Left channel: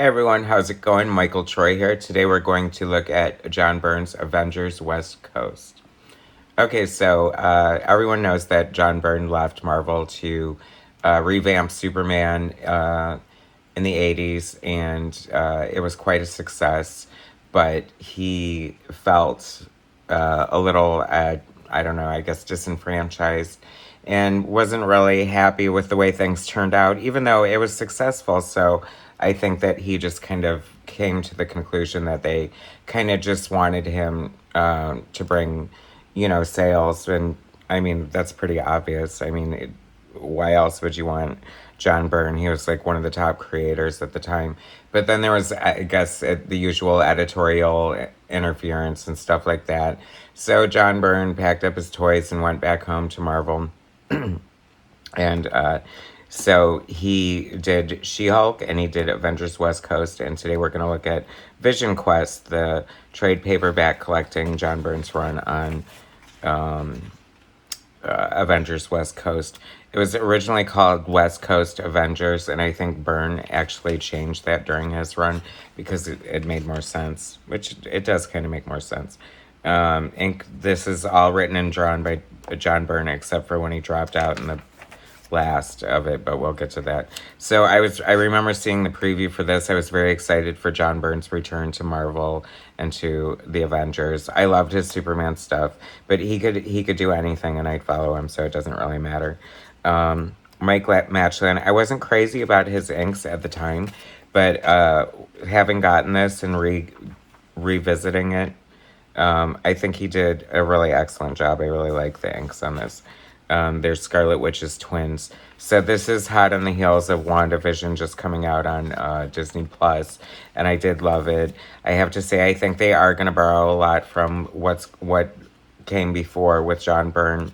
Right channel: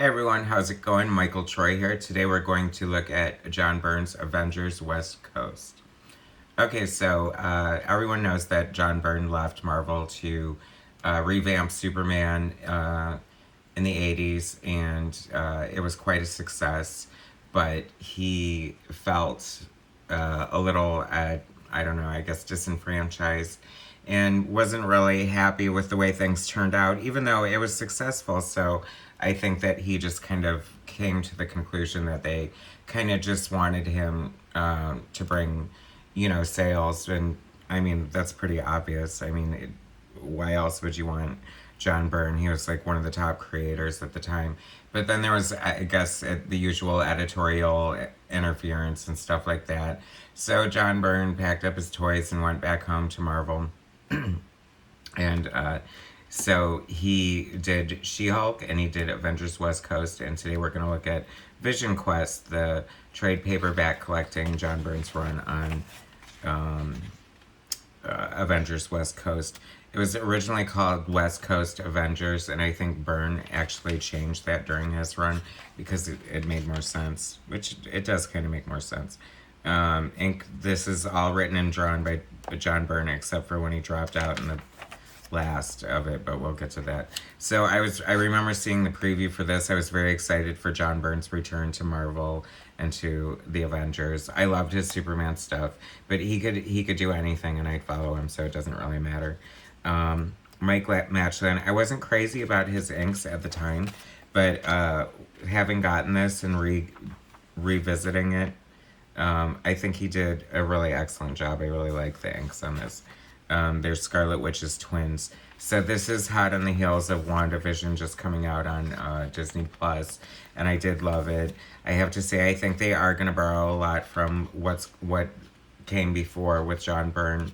Hey everyone, how's it going? Michael Troy here. Today we're going to look at John Byrne's Avengers West Coast. Okay, so everyone knows that John Byrne left Marvel to revamp Superman in the 80s, and it was quite a success, but he felt a little, I don't know, I guess disenfranchised and wasn't really happy with the way things turned out, even though it was successful. So I think that he just kind of came to the conclusion that they kind of just wanted him to bring, sales. And I mean, that's pretty obvious. I mean, why else would you want John Byrne? He was like one of the top creators at the time. But then there was, I guess, the usual editorial interference and stuff like that. So John Byrne packed up his toys and went back home to Marvel. And so he did She-Hulk and he did Avengers West Coast. And today we're going to look at Vision Quest, the trade paperback collecting John Byrne's run on Avengers West Coast. It was originally called West Coast Avengers, and I think Byrne actually changed that during his run because it made more sense, which it does kind of make more sense. And this is all written and drawn by John Byrne, except for when he dropped out in the last of it, but we'll get to that. So I remember seeing the preview for this. I was very excited for John Byrne's return to Marvel and to the Avengers. I loved his Superman stuff, but he could do anything and I'd follow him, so it doesn't really matter. Mike Matchlin, I wasn't crazy about his inks at the time, but having gotten this and revisiting it, I think he did a really excellent job. I really like the inks on this. They're Scarlet Witch's twins. So this is hot on the heels of Wanda Vision just coming out on Disney Plus, and I did love it. I have to say, I think they are going to borrow a lot from what came before with John Byrne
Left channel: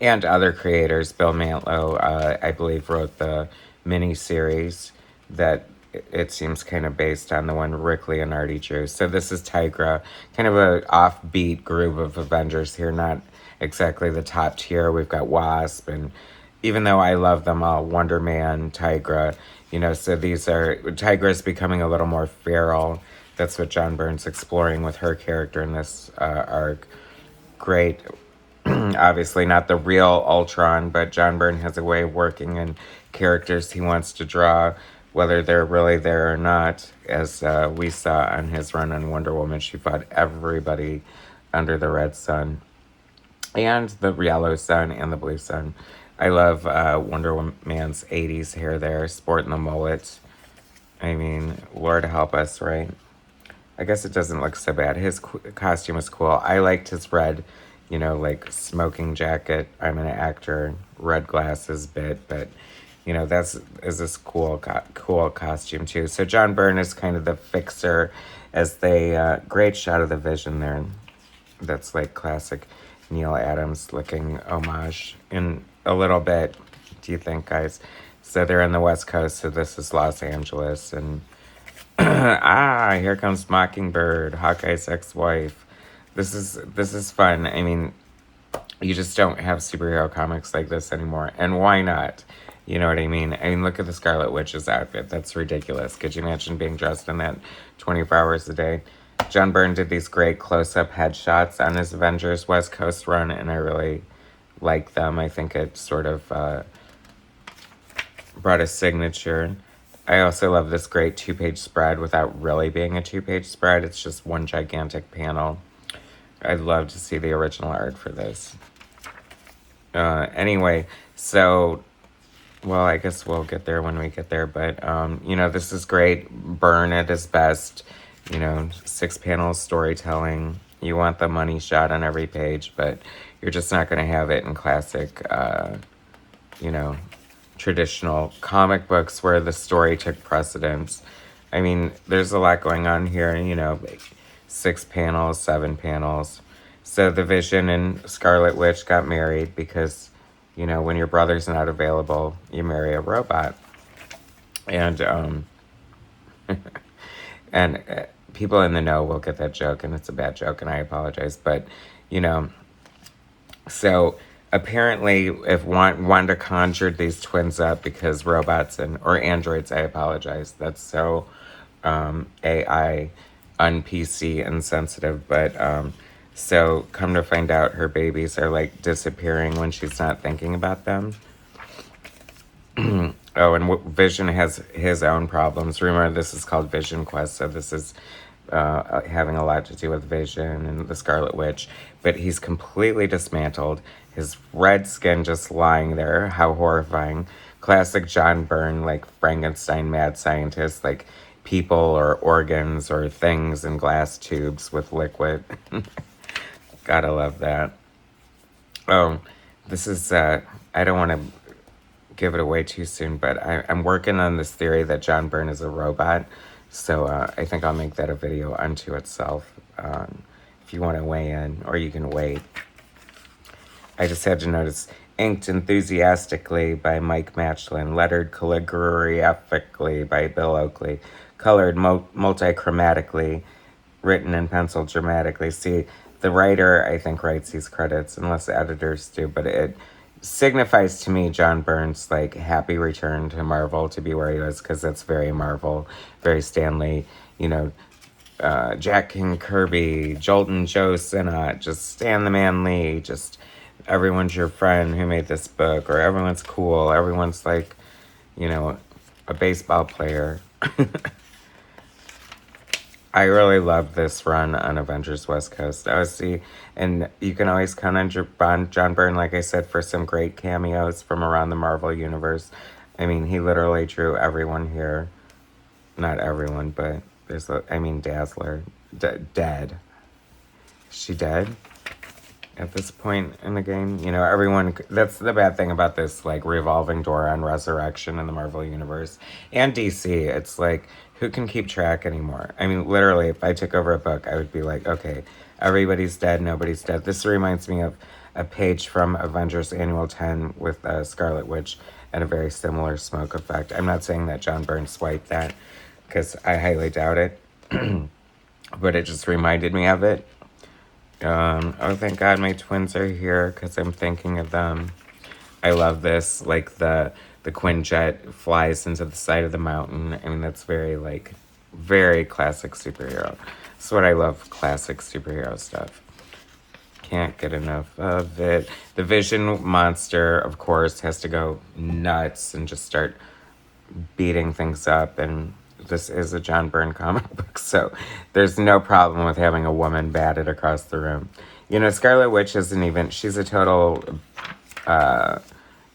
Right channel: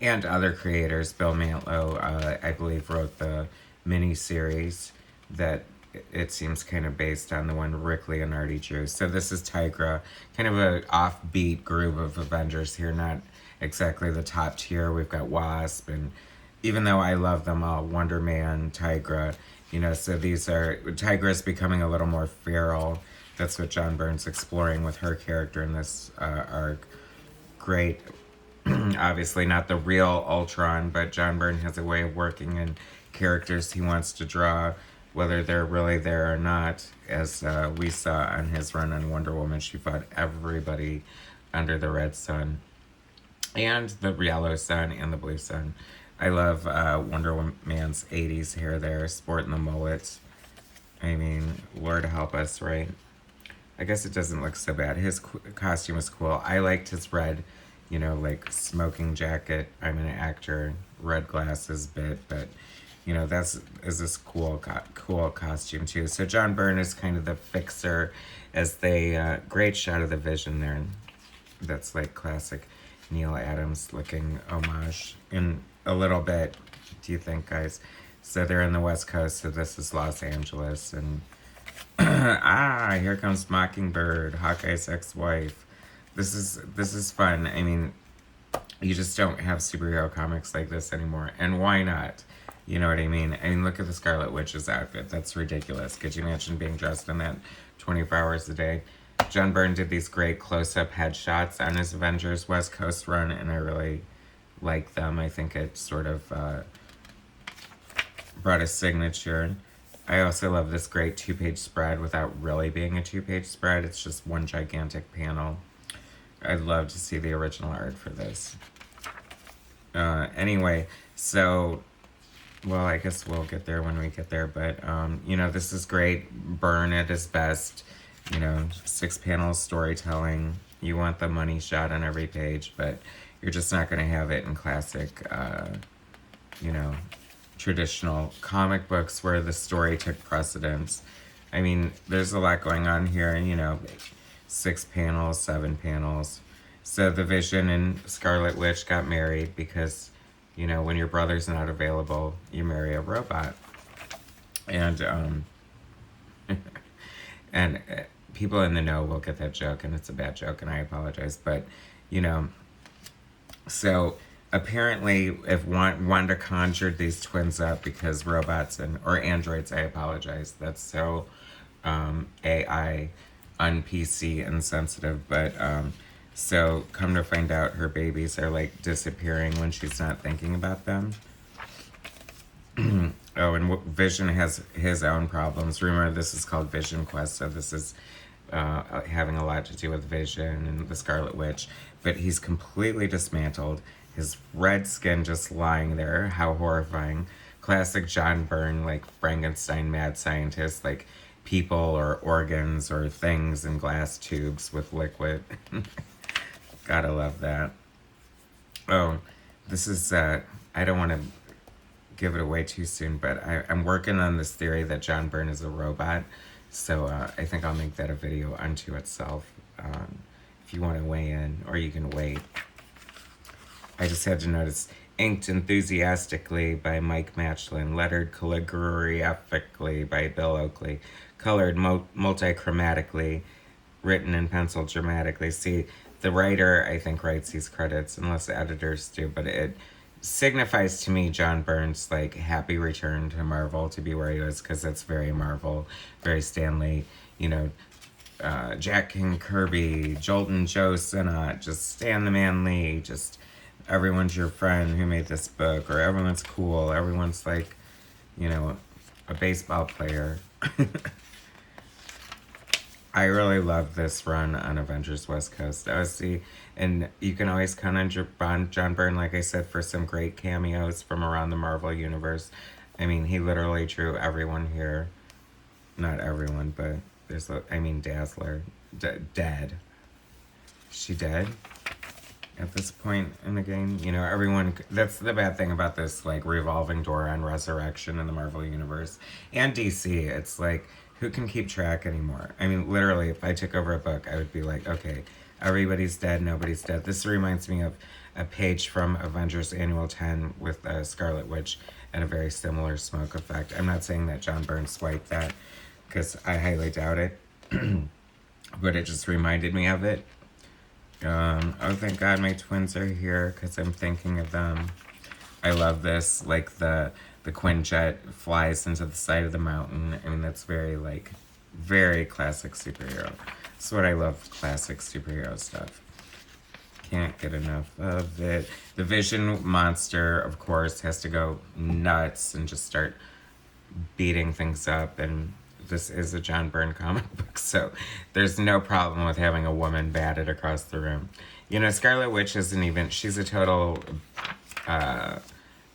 and other creators. Bill Mantlo, I believe, wrote the miniseries that it seems kind of based on the one Rick Leonardi drew. So this is Tigra, kind of a offbeat group of Avengers here, not exactly the top tier. We've got Wasp, and even though I love them all, Wonder Man, Tigra, so Tigra's becoming a little more feral. That's what John Byrne's exploring with her character in this arc. Great. Obviously not the real Ultron, but John Byrne has a way of working in characters he wants to draw, whether they're really there or not. As we saw on his run on Wonder Woman, she fought everybody under the red sun and the yellow sun and the blue sun. I love Wonder Woman's 80s hair there, sporting the mullet. I mean, Lord help us, right? I guess it doesn't look so bad. His costume was cool. I liked his red, like smoking jacket. I'm an actor, red glasses bit, but is this cool costume too. So John Byrne is kind of the fixer as they, great shot of the Vision there. That's like classic Neil Adams looking homage in a little bit. Do you think, guys? So they're on the West Coast, so this is Los Angeles, and here comes Mockingbird, Hawkeye's ex-wife. This is fun. I mean, you just don't have superhero comics like this anymore, and why not? You know what I mean? I mean, look at the Scarlet Witch's outfit. That's ridiculous. Could you imagine being dressed in that 24 hours a day? John Byrne did these great close-up headshots on his Avengers West Coast run, and I really like them. I think it sort of brought a signature. I also love this great two-page spread without really being a two-page spread. It's just one gigantic panel. I'd love to see the original art for this. Anyway, so, well, I guess we'll get there when we get there, but, this is great. Byrne at his best. 6-panel storytelling. You want the money shot on every page, but you're just not going to have it in classic, traditional comic books where the story took precedence. I mean, there's a lot going on here, 6 panels, 7 panels. So the Vision and Scarlet Witch got married because, when your brother's not available, you marry a robot. And, and people in the know will get that joke, and it's a bad joke, and I apologize. But, so apparently, if Wanda conjured these twins up because robots or androids, I apologize. That's so AI, un-PC, insensitive. But so come to find out, her babies are like disappearing when she's not thinking about them. Oh, and Vision has his own problems. Remember, this is called Vision Quest, so this is having a lot to do with Vision and the Scarlet Witch. But he's completely dismantled. His red skin just lying there. How horrifying. Classic John Byrne, like Frankenstein mad scientist, like people or organs or things in glass tubes with liquid. Gotta love that. Oh, this is, I don't want to give it away too soon, but I'm working on this theory that John Byrne is a robot. So I think I'll make that a video unto itself. If you want to weigh in, or you can wait. I just had to notice, inked enthusiastically by Mike Matchlin, lettered calligraphically by Bill Oakley, colored multichromatically, written in pencil dramatically. See, the writer, I think, writes these credits, unless the editors do, but it signifies to me John Byrne's like happy return to Marvel, to be where he was, because that's very Marvel, very Stan Lee, you know, Jack King Kirby, Jolton Joe Sinnott, just Stan the Man Lee, just everyone's your friend who made this book, or everyone's cool, everyone's like, you know, a baseball player. I really love this run on Avengers West Coast. And you can always count on John Byrne, like I said, for some great cameos from around the Marvel Universe. I mean, he literally drew everyone here. Not everyone, but Dazzler. Dead. Is she dead? At this point in the game, you know, everyone, that's the bad thing about this, like, revolving door on resurrection in the Marvel Universe. And DC, it's like, who can keep track anymore? I mean, literally, if I took over a book, I would be like, okay, everybody's dead, nobody's dead. This reminds me of a page from Avengers Annual 10 with Scarlet Witch and a very similar smoke effect. I'm not saying that John Byrne swiped that, because I highly doubt it. But it just reminded me of it. Oh, thank God my twins are here, because I'm thinking of them. I love this, like the Quinjet flies into the side of the mountain. I mean, that's very, like, very classic superhero. That's what I love, classic superhero stuff. Can't get enough of it. The Vision monster, of course, has to go nuts and just start beating things up. And this is a John Byrne comic book, so there's no problem with having a woman batted across the room. You know, Scarlet Witch isn't even, she's a total,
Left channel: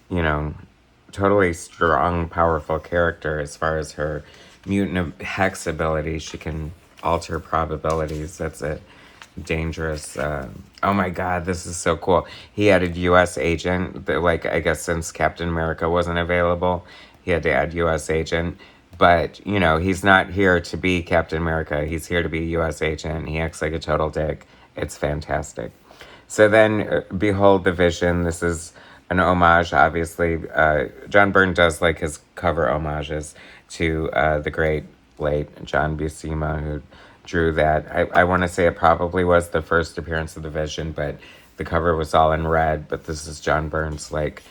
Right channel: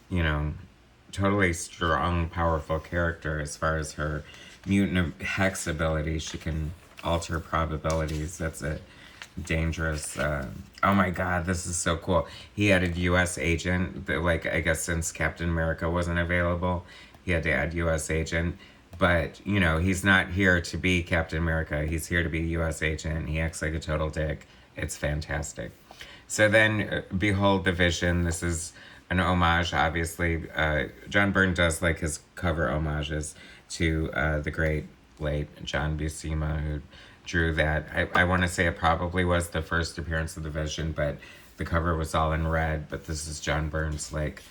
you know, totally strong, powerful character as far as her mutant hex ability. She can alter probabilities. That's a dangerous, oh my God, this is so cool. He added U.S. agent, but like, I guess since Captain America wasn't available, he had to add U.S. agent. But, you know, he's not here to be Captain America. He's here to be U.S. agent. He acts like a total dick. It's fantastic. So then, behold the Vision. This is an homage, obviously. John Byrne does like his cover homages to the great late John Buscema, who drew that. I want to say it probably was the first appearance of the Vision, but the cover was all in red. But this is John Byrne's, like,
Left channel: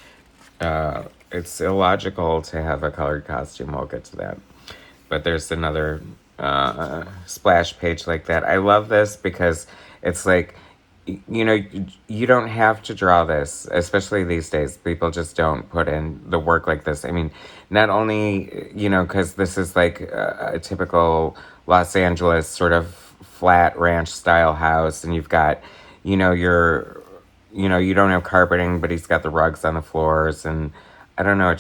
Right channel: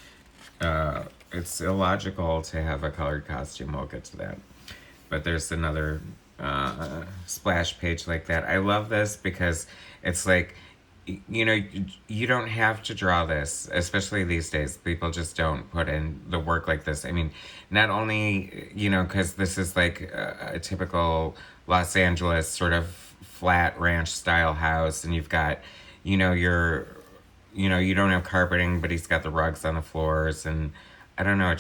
it's illogical to have a colored costume. We'll get to that. But there's another splash page like that. I love this because it's like, you know, you don't have to draw this, especially these days. People just don't put in the work like this. I mean, not only, you know, because this is like a typical Los Angeles sort of flat ranch style house, and you've got, you know, you don't have carpeting, but he's got the rugs on the floors, and I don't know,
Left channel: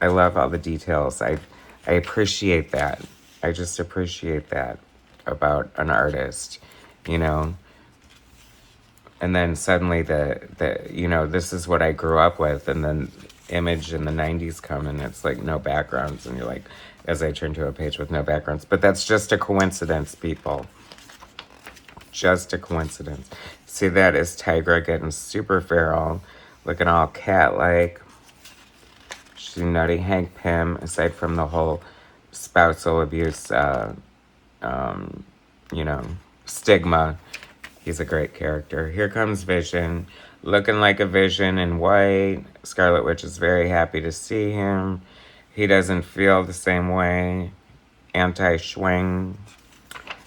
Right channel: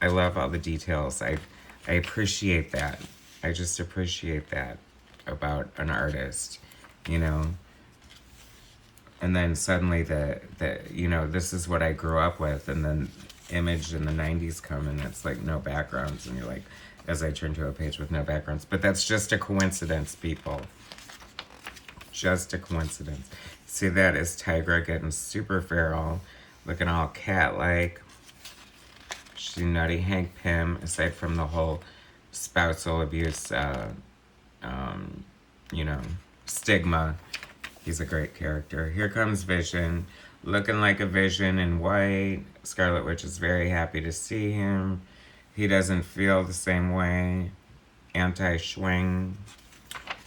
I love all the details. I appreciate that. I just appreciate that about an artist, you know. And then suddenly you know, this is what I grew up with, and then Image in the 90s come, and it's like no backgrounds, and you're like, as I turn to a page with no backgrounds. But that's just a coincidence, people. Just a coincidence. See, that is Tigra getting super feral, looking all cat-like. She nutty Hank Pym, aside from the whole spousal abuse, you know, stigma. He's a great character. Here comes Vision. looking like a Vision in white. Scarlet Witch is very happy to see him. He doesn't feel the same way. Anti-swing.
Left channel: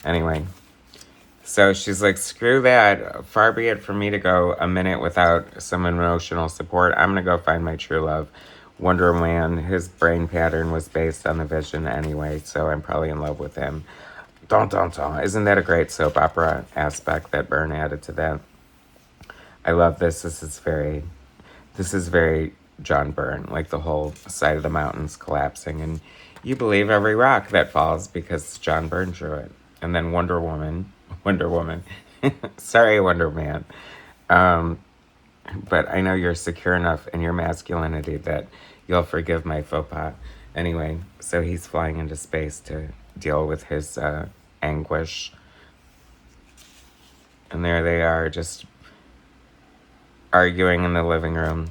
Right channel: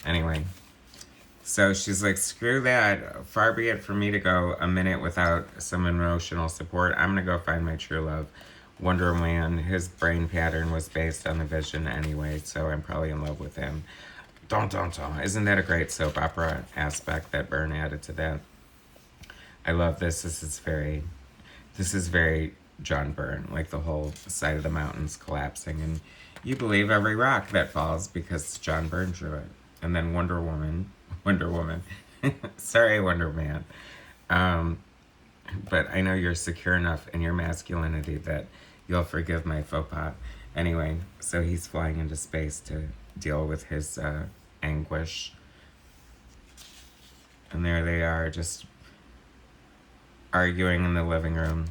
Anyway. So she's like, screw that. Far be it from me to go a minute without some emotional support. I'm going to go find my true love. Wonder Man, his brain pattern was based on the Vision anyway, so I'm probably in love with him. Dun, dun, dun. Isn't that a great soap opera aspect that Byrne added to that? I love this. This is very John Byrne, like the whole side of the mountains collapsing, and you believe every rock that falls because John Byrne drew it. And then Wonder Woman, sorry, Wonder Man. But I know you're secure enough in your masculinity that you'll forgive my faux pas. Anyway, so he's flying into space to deal with his anguish. And there they are, just arguing in the living room.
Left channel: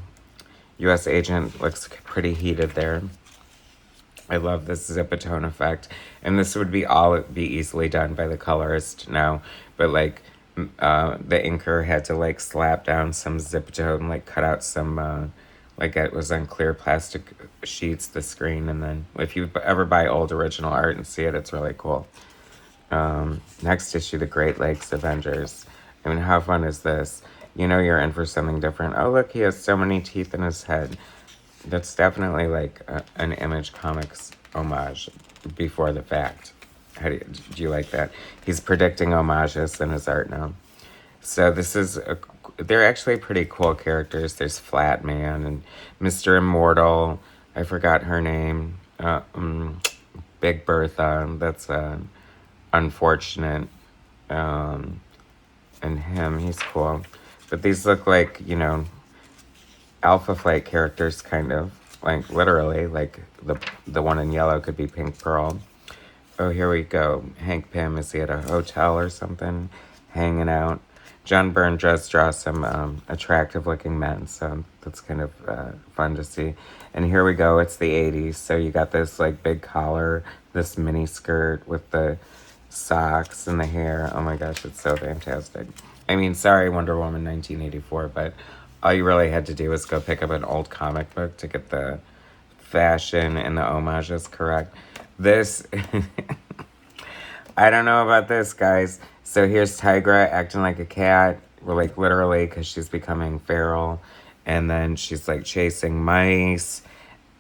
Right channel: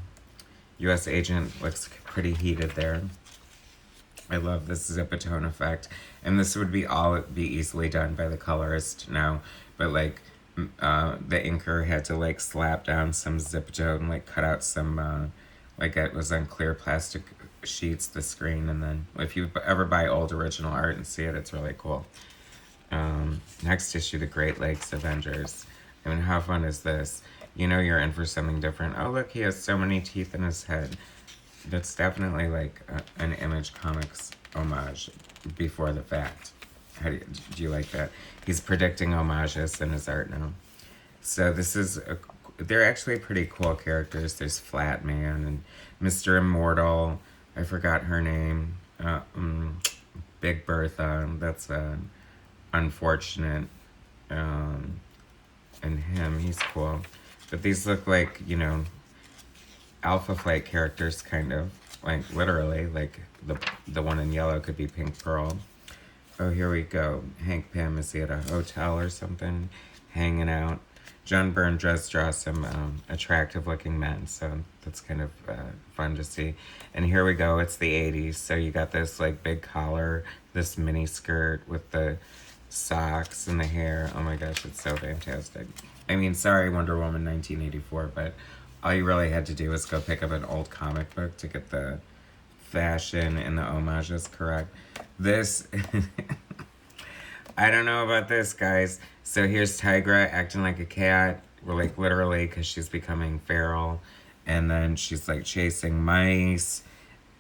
U.S. agent looks pretty heated there. I love this zip-a-tone effect. And this would be easily done by the colorist now. But like, the inker had to like slap down some zip-a-tone, like cut out some, like it was on clear plastic sheets, the screen. And then if you ever buy old original art and see it, it's really cool. Next issue, the Great Lakes Avengers. I mean, how fun is this? You know you're in for something different. Oh, look, he has so many teeth in his head. That's definitely like an Image Comics homage before the fact. Do you like that? He's predicting homages in his art now. So this is, they're actually pretty cool characters. There's Flat Man and Mr. Immortal. I forgot her name. Big Bertha. That's unfortunate. And him, he's cool. But these look like, you know, Alpha Flight characters, kind of. Like, literally. Like, the one in yellow could be Pink Pearl. Oh, here we go. Hank Pym, is he at a hotel or something? Hanging out. John Byrne does draw some attractive-looking men, so that's kind of fun to see. And here we go. It's the 80s, so you got this, like, big collar, this mini skirt with the socks and the hair. Oh my gosh, it's so fantastic. I mean, sorry, Wonder Woman 1984, but all you really had to do was go pick up an old comic book to get the fashion and the homages correct. This, I don't know about this, guys. So here's Tigra acting like a cat, like literally, because she's becoming feral. And then she's like chasing mice,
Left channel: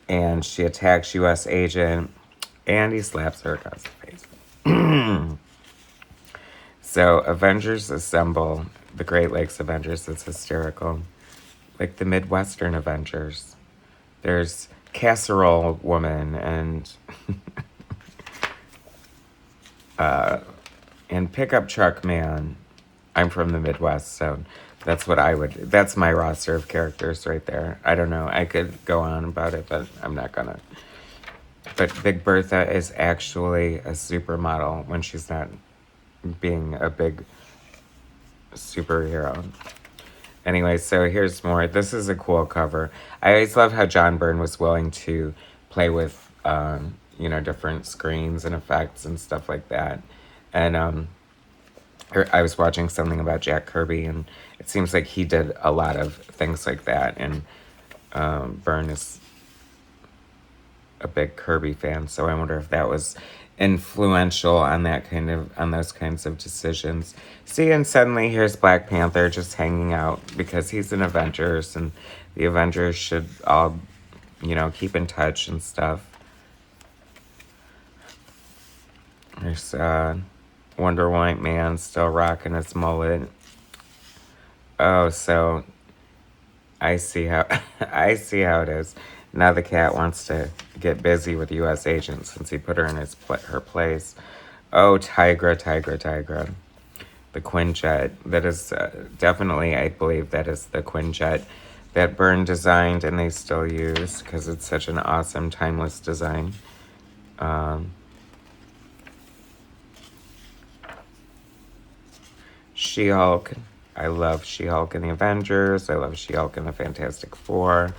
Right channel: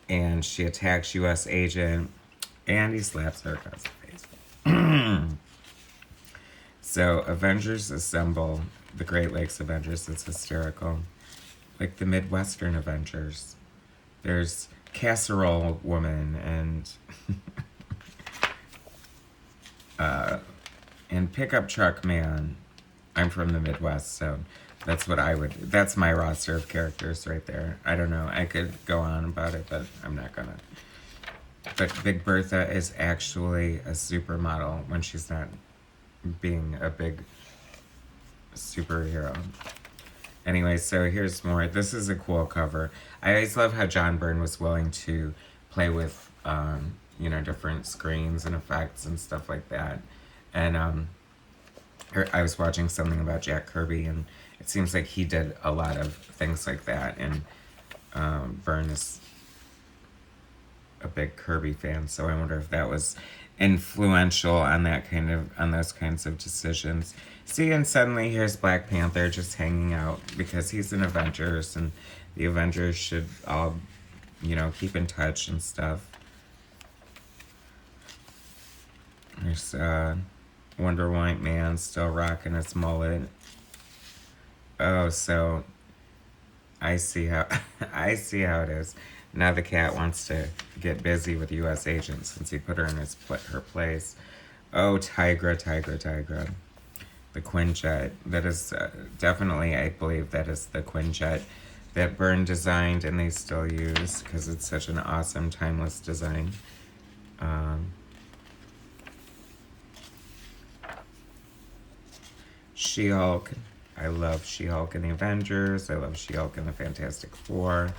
and she attacks U.S. agent, and he slaps her across the face. So Avengers assemble, the Great Lakes Avengers. It's hysterical. Like the Midwestern Avengers. There's Casserole Woman and Pickup Truck Man. I'm from the Midwest, so that's what that's my roster of characters right there. I don't know, I could go on about it, but I'm not gonna. But Big Bertha is actually a supermodel when she's not being a big superhero. Anyway, so here's more. This is a cool cover. I always loved how John Byrne was willing to play with, you know, different screens and effects and stuff like that. And I was watching something about Jack Kirby, and it seems like he did a lot of things like that. And Byrne is a big Kirby fan, so I wonder if that was influential on those kinds of decisions. See, and suddenly here's Black Panther just hanging out because he's an Avengers, and the Avengers should all, you know, keep in touch and stuff. There's Wonder White Man still rocking his mullet. Oh, so I see how it is. Now the cat wants to get busy with U.S. agent since he put her in her place. Oh, Tigra. The Quinjet. That is definitely, I believe that is the Quinjet that Byrne designed and they still use because it's such an awesome, timeless design. She-Hulk. I love She-Hulk in the Avengers. I love She-Hulk in the Fantastic Four.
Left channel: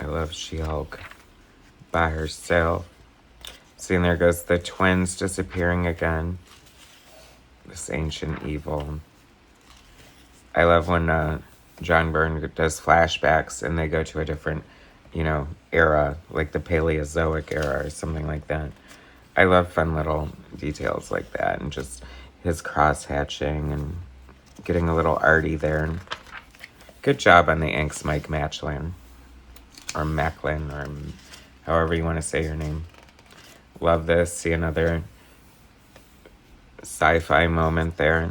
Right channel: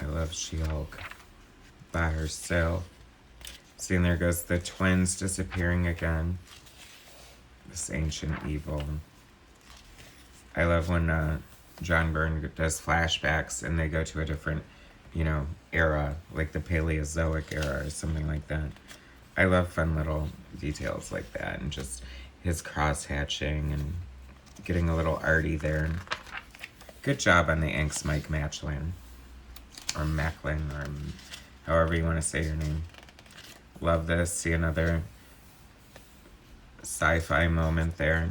I love She-Hulk by herself. See, and there goes the twins disappearing again. This ancient evil. I love when John Byrne does flashbacks and they go to a different, you know, era, like the Paleozoic era or something like that. I love fun little details like that, and just his cross-hatching and getting a little arty there. Good job on the inks, Mike Matchlin. Or Macklin, or however you want to say your name. Love this. See another sci-fi moment there.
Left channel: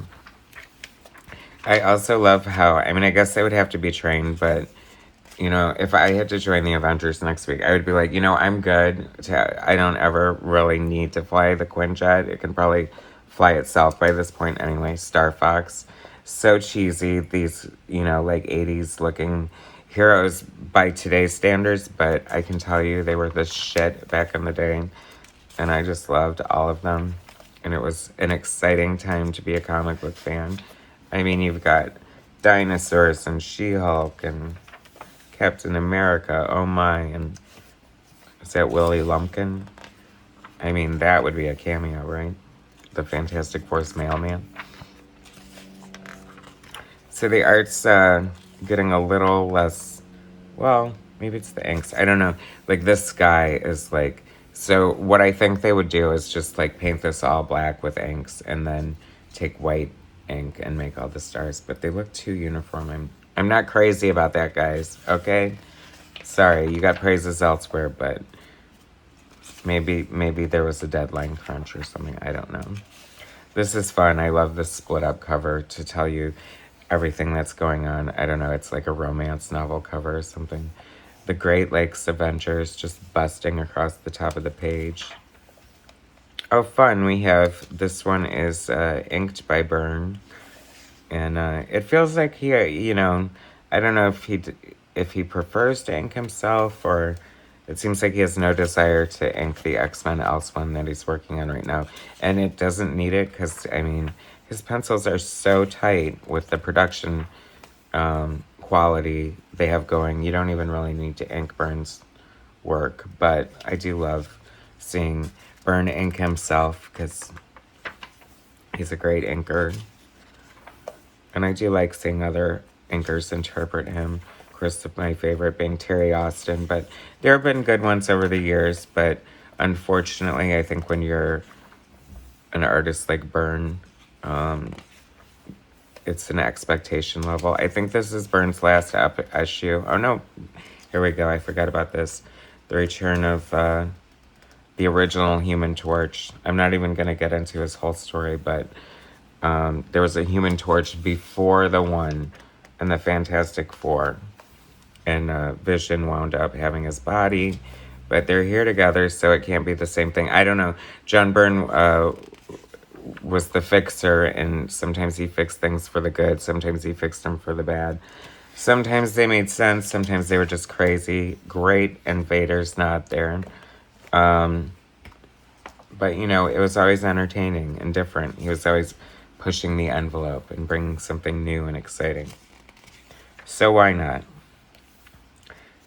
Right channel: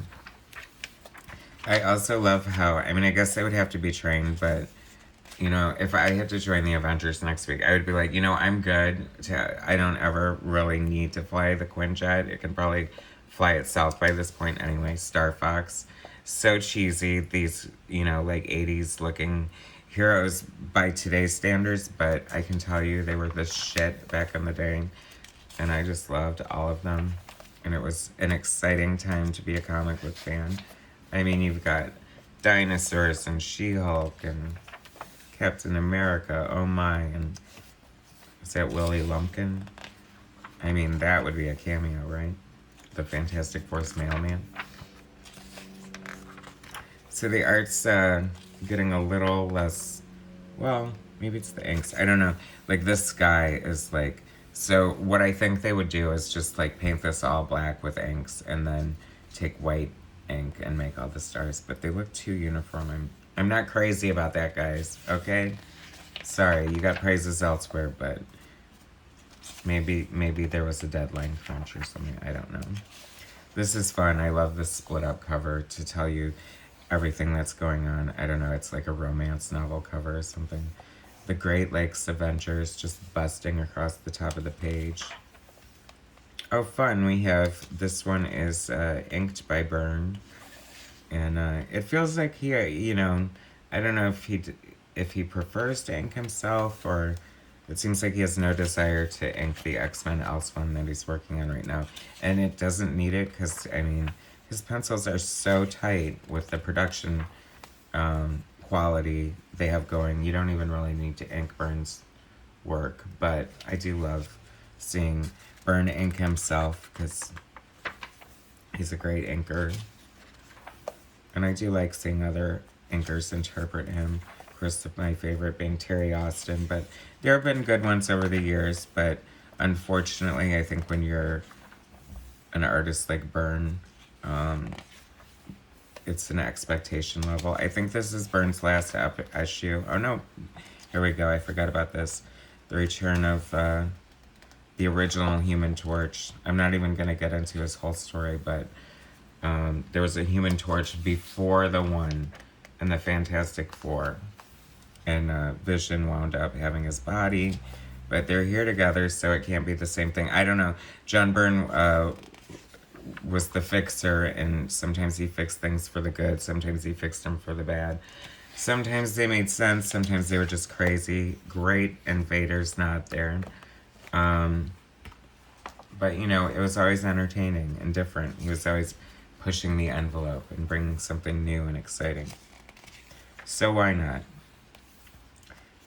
I also love how, I mean, I guess I would have to be trained, but, you know, if I had to join the Avengers next week, I would be like, you know, I'm good. I don't ever really need to fly the Quinjet. It can probably fly itself by this point anyway. Star Fox. So cheesy. These, you know, like 80s looking heroes by today's standards, but I can tell you they were the shit back in the day. And I just loved all of them. And it was an exciting time to be a comic book fan. I mean, you've got dinosaurs and She-Hulk and Captain America, oh my, and is that Willie Lumpkin? I mean, that would be a cameo, right? The Fantastic Four's mailman. So the art's getting a little less, well, maybe it's the inks, I don't know. Like, this sky is like, so what I think they would do is just like paint this all black with inks and then take white ink and make all the stars, but they look too uniform. I'm not crazy about that, guys, okay? Sorry, you got praises elsewhere, but maybe there was a deadline crunch or something, I don't know. This is fun. I love this split up cover to tell you everything that's going on. I don't know, it's like a romance novel cover or something. The Great Lakes Avengers just busting across the top of the page. Oh, fun. We have, this one is inked by Byrne. And it feels like he, you know, I don't know if he prefers to ink himself, or it seems like he has no desire to ink the X-Men Else one that he's working on right now. And it doesn't need it because, I mean, his pencils are so tight with the production quality they have going. You don't even really need to ink Byrne's work. But I do love seeing Byrne ink himself because he's a great inker. And I do like seeing other inkers interpret him. Of course, my favorite being Terry Austin. But there have been good ones over the years. But unfortunately, I think when you're an artist like Byrne, it's an expectation level. I think this is Byrne's last issue. Oh no, here we go. I forgot about this. The return of the original Human Torch. I'm not even going to get into his whole story, but there was a Human Torch before the one and the Fantastic Four. And Vision wound up having his body. But they're here together, so it can't be the same thing. I don't know. John Byrne was the fixer, and sometimes he fixed things for the good, sometimes he fixed them for the bad. Sometimes they made sense, sometimes they were just crazy. Great, and Vader's not there. But, you know, it was always entertaining and different. He was always pushing the envelope and bringing something new and exciting. So why not?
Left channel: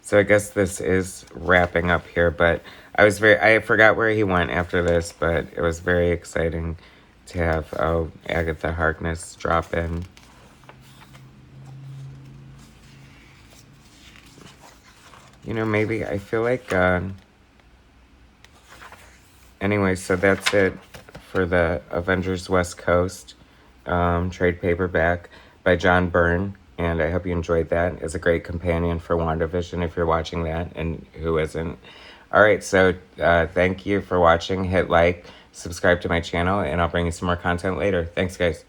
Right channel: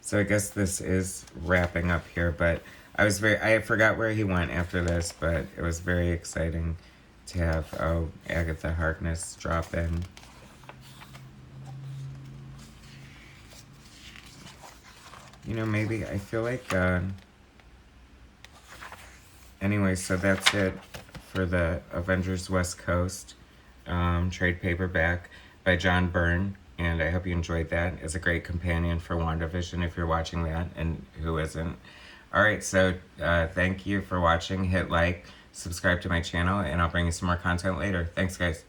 So I guess this is wrapping up here, but I forgot where he went after this, but it was very exciting to have Agatha Harkness drop in. You know, maybe I feel like anyway, so that's it for the Avengers West Coast trade paperback by John Byrne, and I hope you enjoyed that. It's a great companion for Wanda Vision if you're watching that, and who isn't. Alright, so thank you for watching. Hit like, subscribe to my channel, and I'll bring you some more content later. Thanks, guys.